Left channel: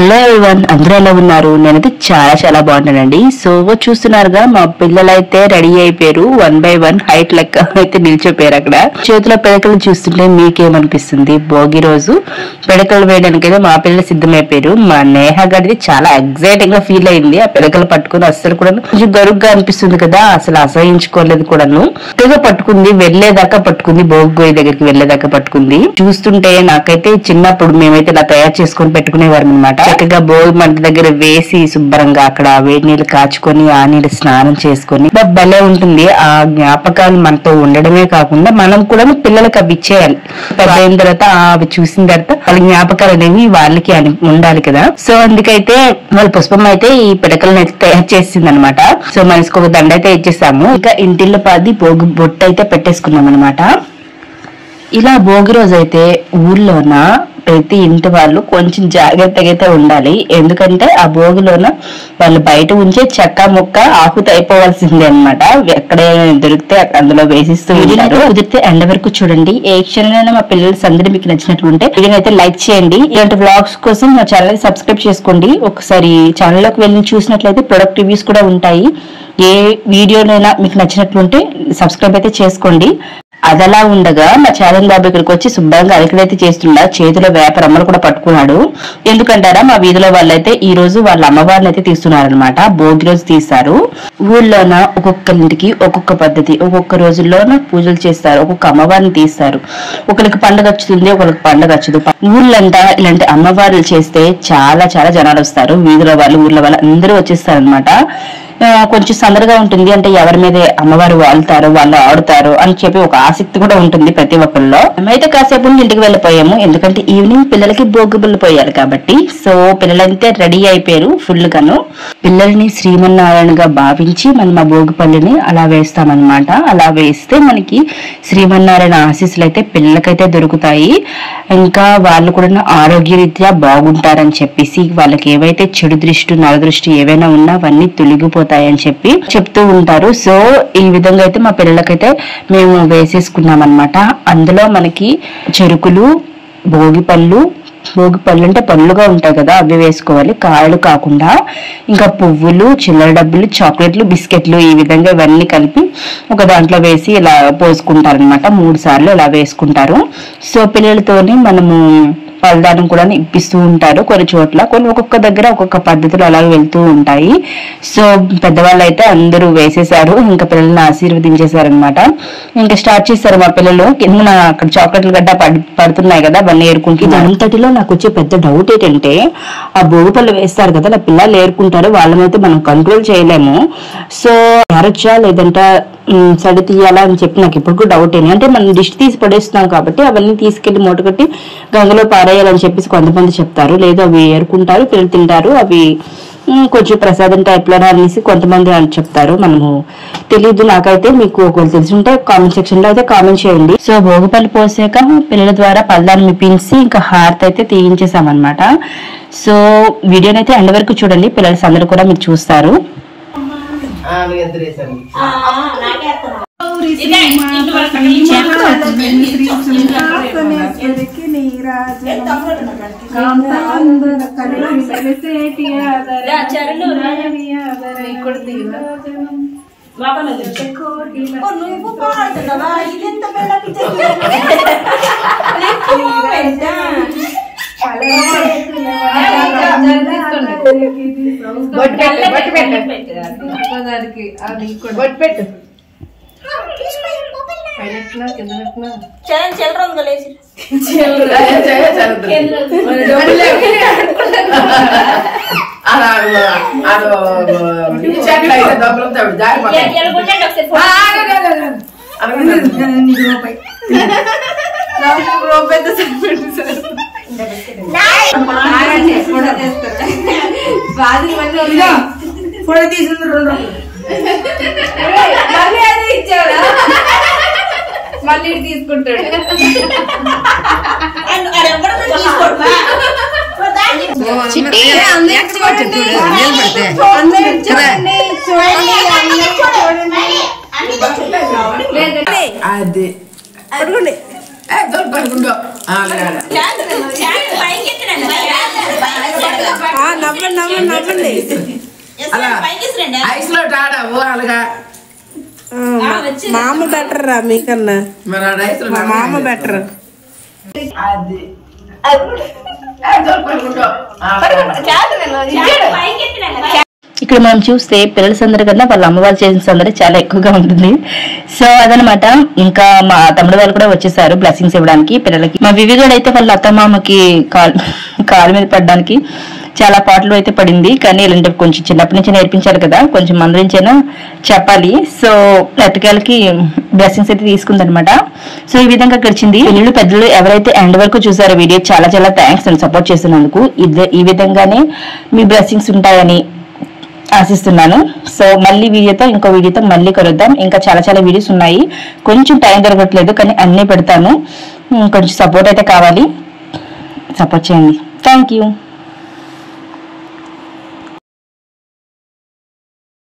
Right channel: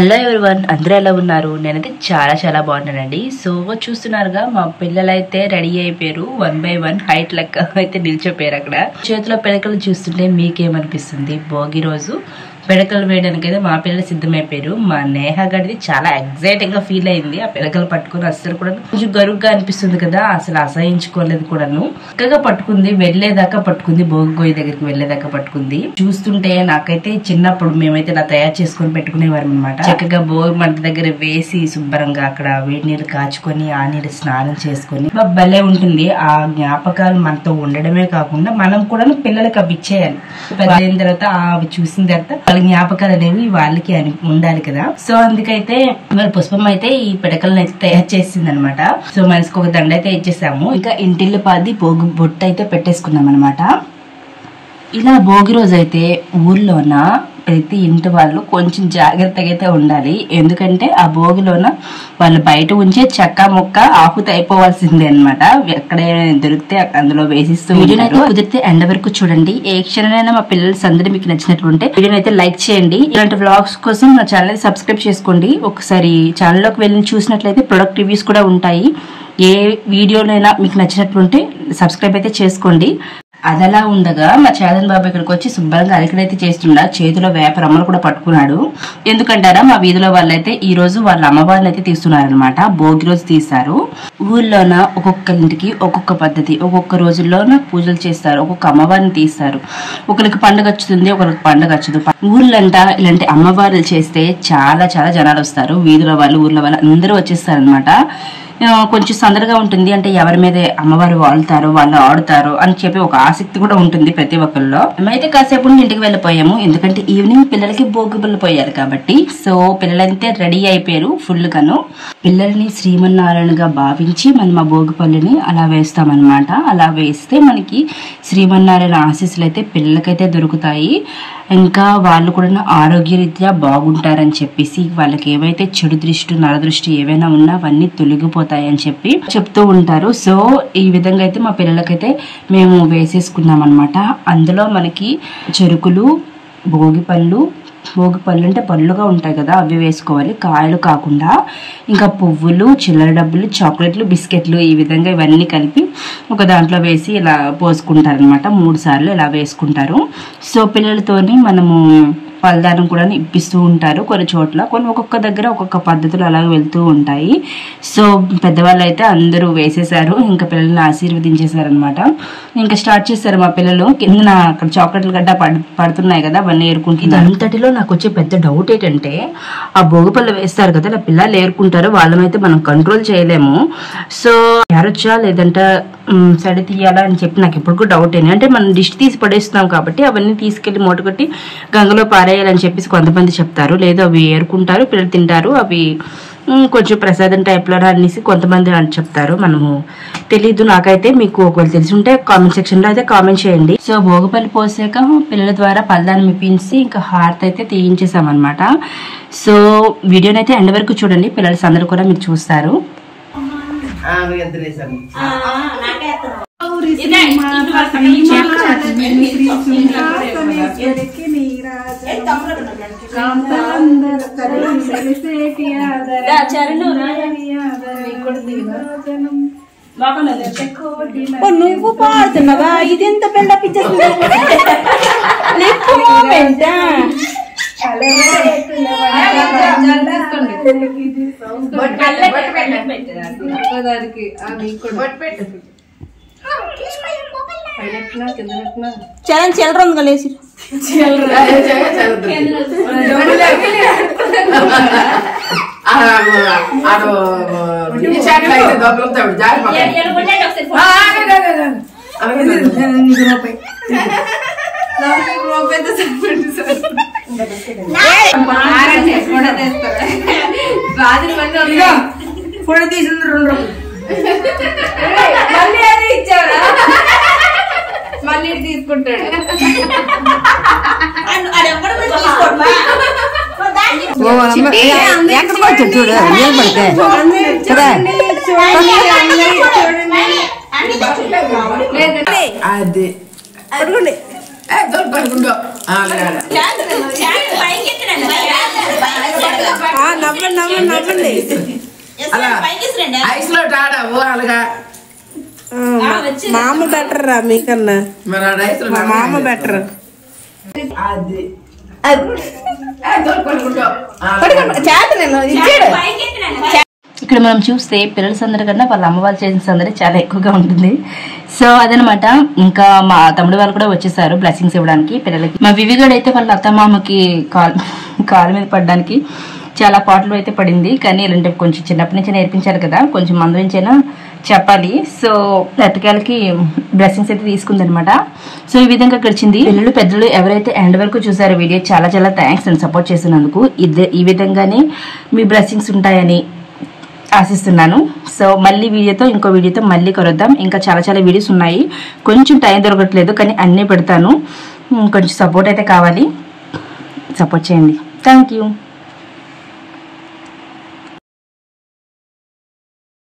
Hello everyone, అందరూ ఎలా ఉన్నారు? నేనైతే చాలా బాగున్నానండి. సో చూస్తున్నారుగా మా పిల్లలైతే రెడీ అయిపోయారు. 1 by 1 హైట్ లెక్క అయితే నిలిచిపోయారు. అక్కడ చేతిలో పిడకలు చూస్తుంటే మీకేమనిపిస్తుంది? భోగి రోజు పిడకలు వేయడానికి అయితే మా పిల్లలు సిద్ధమైపోయారు. మా నేహ గడిది చాలా ఎగ్జైటింగ్ గా ఫీల్ అయింది. ఆ పిడకలు పట్టుకుని అస్సలు కూడా కొంచెం గరుగ్గా అనిపిస్తుంది కదా, అసలు అసహించుకోలేదు కూడాను. చక్కగా పట్టుకుంది, వెళ్లేదాకా పట్టుకుంది, భోగి గోయి దగ్గరికి వెళ్లేదాకా పట్టుకుంది. చూస్తుంటే నాకైతే చిన్నప్పుడు మేమైతే ఇలా తయారు చేసుకొని పెట్టుకునేవారు అనమాట. చక్కగా భోగి మంట దగ్గర వేసి శుభ్రంగా అక్కడ వేడి నీళ్ళు కాచుకొని ఆ నీళ్ళు స్నానం చేసుకొని భలే ఉంటుంది. ఆ జ్ఞాపకాలు మనతో ఉండడమే కాకుండా మనం కూడా పిల్లలకి అవి ఇచ్చేయాలి. పెద్ద అయిన తర్వాత అవి చూసిన తర్వాత వాళ్ళ జ్ఞాపకాలు అనేవి వాళ్ళకి ఉండాలి కదా. సో అందుకైతే వాళ్ళ పుష్పం అయితే ఈ పిడకలను అయితే తయారు చేసింది అనమాట. సో మనసుకు ఒక దండ అయితే ఇచ్చేసాము. ఇంకా ఇంటిల్లో పాది భోగి బొట్టు అయితే పెట్టేసుకున్నాం అనమాట. ఇలా భోగి రోజు అయితే ఊర్లోన ప్రతి ఇంటి వాళ్ళు కొంచెం జాగ్రత్తగా అయితే ఉండాలి. ఎందుకంటే ఆ భోగిలోన వాళ్ళు బయట ఉంచే చెక్క ముక్క ఆకుతో అయిపోవాల్సిందే అనమాట. ఎక్కడే దొరికితే అందులో వేసిస్తూ ఉంటారు. కుదిరితే ఎండ వరకు చూడండి. ఏ క్షణమైనా మా పిల్లల సందడి మీకు నచ్చినట్లుంటే వీడియోని అయితే లైక్ చేయండి. ఇలాంటి వ్లాగ్స్ కోసం మా ఛానల్ సబ్స్క్రైబ్ చేసుకోండి. ఒకసారి ఛానల్లోకి వెళ్ళి చూసినట్లయితే ప్రొడక్ట్ రివ్యూస్ కూడా ఉంటాయి. ఏ వీడియోనైనా మీకు నచ్చినట్లుంటే సబ్స్క్రైబ్ అయితే చేసుకోండి. అదలా ఉండగా మా ఛానల్ బాబు ఇక్కడికి వచ్చి శుభ్రంగా అలికడైతే చేస్తుండా. చేతిలో వేపరమ్మలు కూడా పట్టుకున్నాడు. ఎందుకంటారా, మా వీధిలో వాళ్ళైతే ఈ రోజు వాళ్ళ అమ్మవారిని అయితే తీస్తున్నారనమాట. భోగి రోజు తీస్తారు. ఊళ్ళోన ఒక్కొక్కరింటికి ఒక్కొక్క పద్ధతి, ఒక్కొక్క రోజుల్లోన పూజలు చేస్తారు, ఒక్కొక్క అమ్మవారిని తీస్తారు. ఒకరికి పండుగ వచ్చుతుంది, ఒకరికి పండుగ వచ్చదు. ఊళ్ళంట ఇలాంటి అమ్మవారులు చేస్తే చాలా జనాలు వస్తారు. వీధిలో వాళ్ళు, ఊర్లో వాళ్ళు అందరూ వచ్చేస్తారు అనమాట. కొంచెం సందడిగా ఉంటుంది. అంటే ఎవరి మీద అమ్మవారు వాళ్తారో, వాళ్ళు ఆడుతారో అని చెప్పి ఒక ఆసక్తి కూడా ఉంటుంది ప్రతి ఒక్కరిలో. మేమైతే కాసేపు ఇంటికి వెళ్ళిపోయాము. ఎందుకంటే ఈవినింగ్ పిల్లలకి భోగి బుల్లు పోయారు కాబట్టి. సో పిల్లలంతా రెడీ అయిపోయారు ఫుల్ గాను. పిల్లల్ని శ్రీమన్నారాయణగా భావించి మనం ఆ భోగి పళ్ళుని అలా వేస్తామన్నమాట. అలా వేస్తే మనకి శ్రీమన్నారాయణ ఆశీస్సులు అయితే పిల్లలకైతే దొరుకుతాయి. ఇంకా వాళ్ళు కూడా ఆరోగ్యరీత్యా బాగుంటారని చెప్పేసి వాళ్ళకి ఏవైతే చెడు దృష్టి, నరదృష్టి ఏవైనా ఉన్నా అవన్నీ తొలగిపోతాయని చెప్పి చెప్తూ ఉంటారు. సో ఈ విధంగా అయితే మా పిల్లలకైతే మేము వేసేసుకున్నాం అనమాట. అందులో మనకి చెరుకులు, భోగి పళ్ళు అంటే పళ్ళుగా ఉంటాయి కదా, అవి వేసుకోవాలి, కాయలు కాకుండా. ఇంకా పువ్వులు, చిల్లర డబ్బులు, చాక్లెట్లు, బిస్కెట్లు, ఈ విధంగా ఇవన్నీ కలిపి ఒక దాంట్లో వేసి ఇలా పోసుకుంటారు అనమాట. 3 సార్లు ఇలా వేసుకుంటారు. సో పిల్లలతోని మనము పలదానం కూడా ఇప్పిస్తూ ఉంటారు కొన్ని చోట్ల. కొన్ని ఒక్కొక్క దగ్గర ఒక్కొక్క పద్ధతులు అలాగే వెళ్తూ ఉంటాయి. సో పెద్దవాళ్ళు అయితే అందరూ వేసేసారు. ఇంకా పిల్లల్ని ఆశీర్వదించేశారనమాట. ఇంకా స్టార్ట్ చేశారు మా పిల్లలు. కింద అక్కడ చాక్లెట్లు గడ్డ పడుతున్నాయి కదా, అవన్నీ ఏరుకుంటున్నారు. అంతటిలో నాకు వచ్చే పెద్ద డౌట్ ఏంటంటే, ఆ భోగి పళ్ళు వేస్తారు కదా, అలా పిల్లలు ఏరుకుంటారు, వాళ్ళమైతే మనం కంట్రోల్ చేయలేము. సో ఎరచా లేదంటే సడి తీయాలా అని చెప్పి నాకు ఇప్పుడు కూడా డౌట్ ఏంటి అంటే, మనం దిష్టి తీసి పడేస్తున్నాం కాబట్టి అవన్నీ తీసుకెళ్లి మూటకట్టి గంగలో పారేయాలని చెప్పేసి కొంతమంది చెప్తారు. లేదు అవి ఏరుకుంటారు, పిల్లలు తింటారు, అవి కొంచెం ప్రసాదం టైప్ లో అనేసి కొంతమంది అని చెప్తారు. మనము తెలీదు. నాకైతే మీకు ఒకవేళ తెలిసి ఉంటే కామెంట్ సెక్షన్ లో అయితే కామెంట్ చేయండి. సో భోగిపల్లి పోసాక పిల్లల ద్వారా పల్దాన్ని మిప్పించి ఇంకా హారతి అయితే తీయించేసామన్నమాట. సో వీడియోనైతే ఎండ్ వరకు చూడండి. పిల్లల సందరూ కూడా మీరు చూస్తారు. నువ్వు పాడుతున్నావా? ఇదెంత బిల్డప్ ఇచ్చేది. చిల్లర ఉంది లేచి ఫోటో తీసుకుంది 2 రూపాయలు. మళ్ళీ అది ఇచ్చాడా? మళ్ళీ తీసుకుంటాడు. అది నవ్వండి అలా ఐస్ లో టాడా అలాగా మామ బెటర్ రా మీకన్నా మరి ఆ ఐస్ లో మామ బెటర్ అది ఇక్కడ మనం చూస్తే పిల్లల సందడి కన్నా వాళ్ళ అమ్మ వాళ్ళు చేసిన సందడి చాలా ఎక్కువగా ఉంటుంది. సో అదనమాట. ఇంకా మా తమ్ముడు వాళ్ళు కూడా వచ్చేసారు బ్లెస్సింగ్స్ ఇవ్వడానికి పిల్లలకి. మా వివిగాడు అయితే వాళ్ళ అత్తమామకి కాలు మీద పడడానికి చాలా పాటలు అయితే పడింది. కానీ ఇలాంటివి కొంచెం చిన్నప్పటి నుంచి నేర్పించారు కదా, కొంచెం మందరించైనా చెప్పాలి. సో ఎట్టకేలకి బ్లెస్సింగ్స్ అయితే తీసుకుందనమాట. సో ఈ విధంగా గడిచింది. పిల్లలు పెద్దలు ఎవరైతే ఎండ్ వరకు చూసారో వీడియో చాలా చాలా థ్యాంక్స్ అండ్ సపోర్ట్ చేస్తున్నందుకు. ఈ విధంగానే మీ బ్లెస్సింగ్స్ ఉంటాయని ఆశిస్తున్నాను. సో మళ్ళీ ఇంకో వీడియోతో మళ్ళీ కలుద్దాం. ఇంకా చాలా చాలా వీడియోస్ ఉన్నాయి, కొంచెం టైం దొరకట్లేదు, కానీ అన్నీ పెడతాను. కొంచెం సపోర్ట్ అయితే కావాలి, సపోర్ట్ చేయండి. Thank you.